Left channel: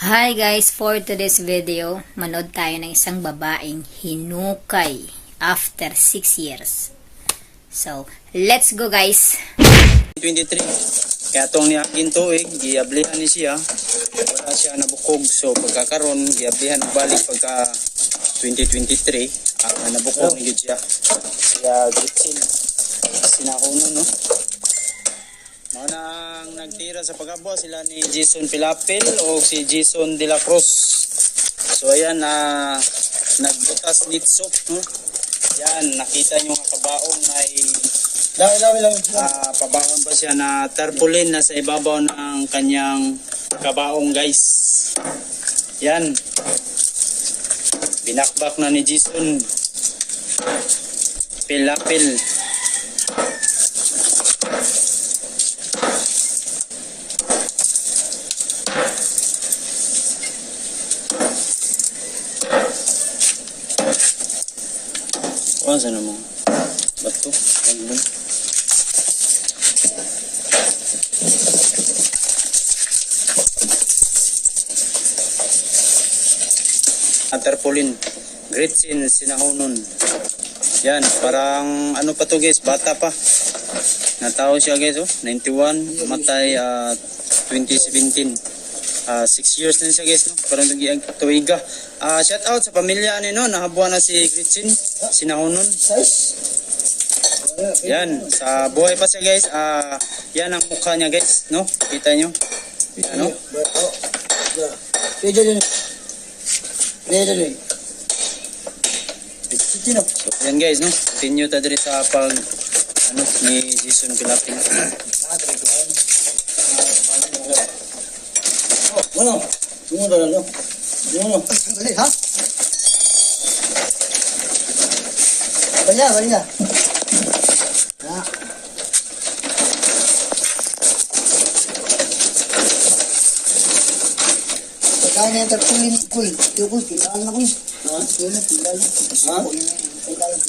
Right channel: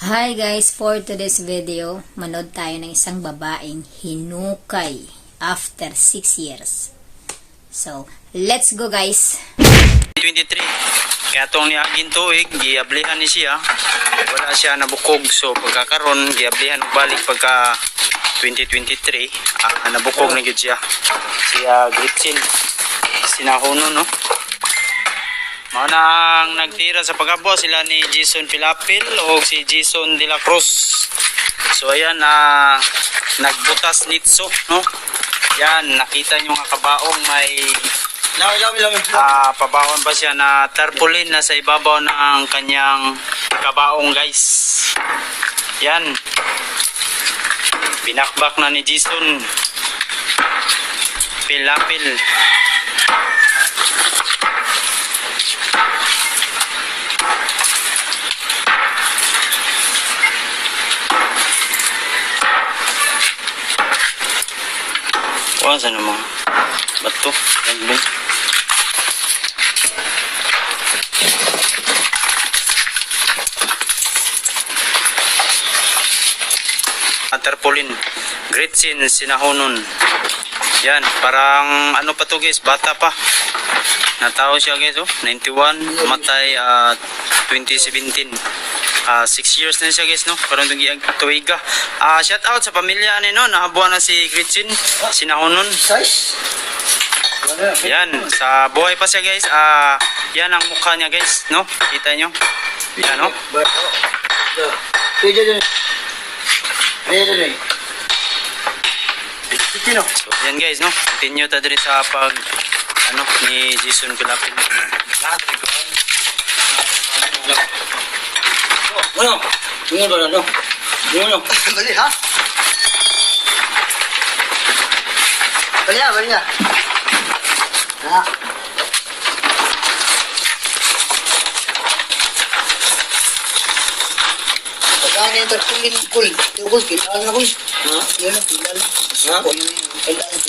Hi guys, for today's video, manood tayo ng isang babaeng hinukay after 6 years. So, let's go guys! 23. Kaya itong niagin tuig, giablihan ni siya. Wala siya nabukog. So, pagkakaroon, giablihan balik pagka 2023. Nabukog na yun siya. Siya Gretchen. Sinahuno, no? Mga nang nagtira sa pagkabo sila ni Jason Pilapil o si Jason de la Cruz. So ayan, nagbutas nitso, no? Yan, nakita nyo nga kabaong may pabaon pa siya na tarpaulin na sa ibabaw ng kanyang kabaong, guys. Yan. Binakbak na ni Jason Pilapil. Saan naman? Bato? Nagbong? Tarpaulin. Gretchen Sinahunon. Yan, parang ano pa to guys, bata pa. Natao siya guys, 91, matay 2017. 6 years na siya guys, no? Parang tuwiga. Shout out sa pamilya ni no, nahabuan na si Gretchen Sinahunon. Yan, sa buhay pa siya guys. Yan ang mukha niya guys, no? Kita nyo? Yan, no? So, yan guys, no? Continue ta diri sa pag ni Jason Pilapil. Bueno, no. Dali, ha? Balik na. Ha? Saan yung tertulim kul? Tukos, kailangan na ko. Ha? Yan na, kailangan. Ha? Kailangan.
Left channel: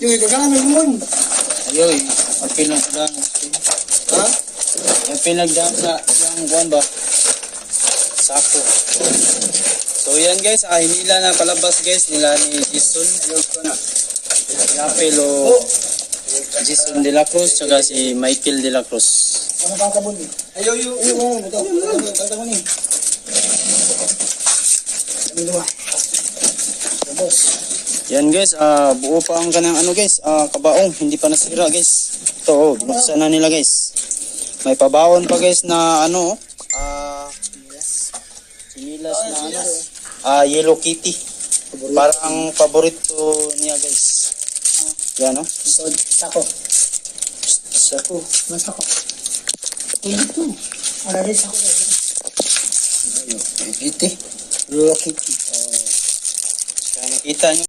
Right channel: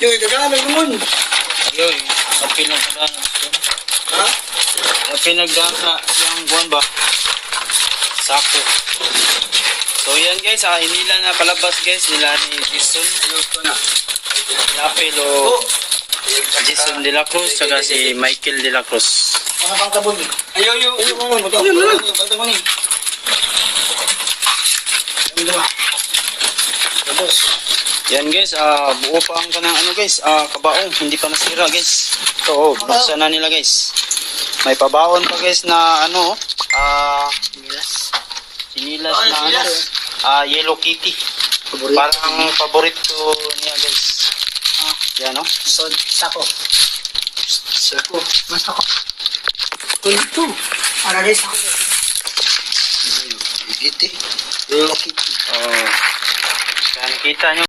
Yung ikagana may lumon. Yoy, ang pinagdana. Ha? Ang pinagdana yung buwan ba? Sako. So yan guys, hinila na palabas guys nila ni Jason. Pilapil o Jason de la Cruz saka si Michael de la Cruz. Ano pang kabon? Ayaw. Yan guys, buo pa ang kanang ano guys, kabaong, hindi pa nasira guys. Ito, buksan na nila guys. May pabaon pa guys na ano, sinilas na ano, Yellow Kitty. Parang paborito niya guys. Yan no? Sako. Mas ako. Ito. Ano rin sako? Iti. Yellow Kitty. Kaya nakita nyo.